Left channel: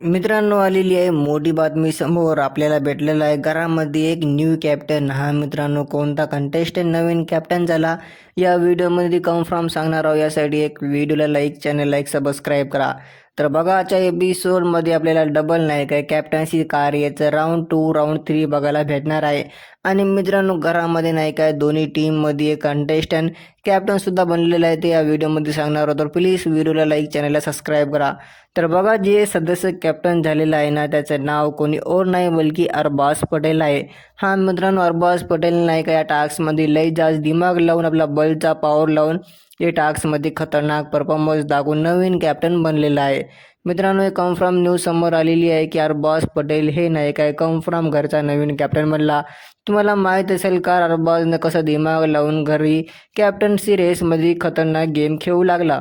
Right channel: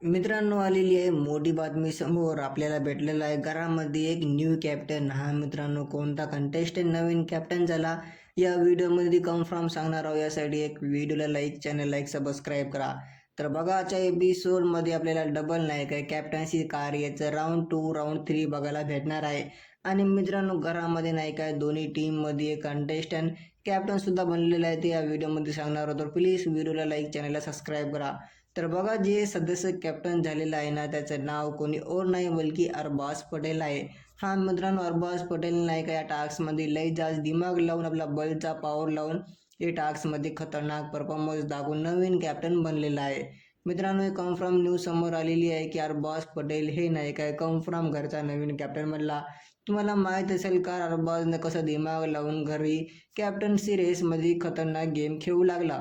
मित्रांनो आलेली आहे मोठी बातमी समोर. आपल्याला भेटलेला आहे घरामध्ये एक न्यू कॅप्टन हा मित्रांनो कोणता कंटेस्टंट नवीन कॅप्टन झाला? या व्हिडिओमध्ये कन्फर्म सांगणार आहोत. यासाठी एक व्हिडिओला लाईक चॅनल लाईक सबस्क्राईब करा. तर बघा आजच्या एपिसोडमध्ये आपल्याला डबल नाही काय कॅप्टन्सी कार्याचं राऊंड टू राऊंड थ्री बघायला भेटणार आहे. आणि मित्रांनो घरामध्ये नाही काय दोन्ही टीममध्ये एक कंटेस्टंट कॅप्टनसुद्धा बनलेलं आहे. ते या व्हिडिओमध्ये सांगणार होतो प्लीज व्हिडिओला लाईक चॅनलला सबस्क्राईब करा. तर बघा जे सदस्य कॅप्टन झालेलं आहे ना त्याचं नाव कोणी और नाही बल्कि अरबाज पटेल आहे. हा मित्रांनो अरबाज पटेल नाही का या टास्कमध्ये लई जास्त दिमाग लावून आपला बलचा पॉवर लावून या टास्कमध्ये खतरनाक परफॉर्मन्स दाखवून नवीन कॅप्टन बनलेला आहे. मित्रांनो हे कन्फर्म न्यूज समोर आलेली आहे की अरबाज पटेल हे नायक आहे. कन्फर्म घरचा नवीन कॅप्टन बनला. तुम्हाला माहीत असेल का अरबाजनं कसं दिमाग लावून घरी कॅप्टन्सी रेसमध्ये खतरनाक गेम खेळू लागला.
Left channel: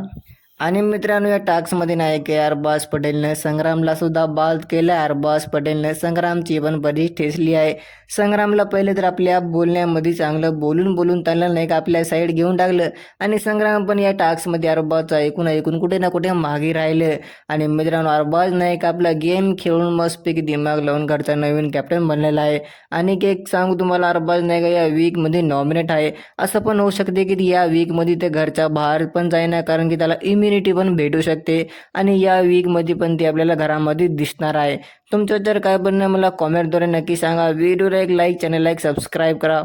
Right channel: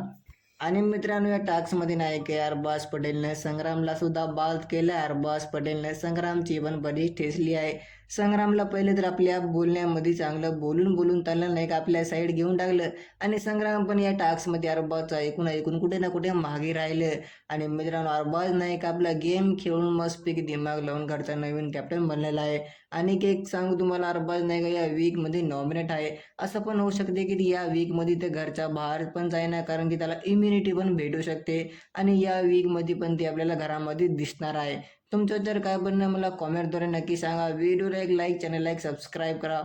आणि मित्रांनो या टास्कमध्ये नाही की अरबाज पटेलने संग्रामला सुद्धा बाद केलं. आहे अरबाज पटेलने संग्रामची पण बरीच ठेचली आहे. संग्रामला पहिले तर आपल्या बोलण्यामध्ये चांगलं बोलून बोलून त्यांना नाही का आपल्या साईड घेऊन टाकलं. आणि संग्राम पण या टास्कमध्ये अरबाजचा ऐकून ऐकून कुठे ना कुठे मागे राहिलं. आणि मित्रांनो अरबाज नाही का आपला गेम खेळून मस्तपैकी दिमाग लावून घरचा नवीन कॅप्टन बनलेला आहे. आणि एक सांगू तुम्हाला अरबाज नाही का या वीकमध्ये नॉमिनेट आहे. असं पण होऊ शकते की या वीकमध्ये ते घरच्या बाहेर पण जाईना कारण की त्याला इम्युनिटी पण भेटू शकते. आणि या वीकमध्ये पण ती आपल्याला घरामध्ये दिसणार आहे. तुमचं जर काय बनणं मला कॉमेंटद्वारे नक्की सांगा. व्हिडिओला एक लाईक चॅनल लाईक सबस्क्राईब करा.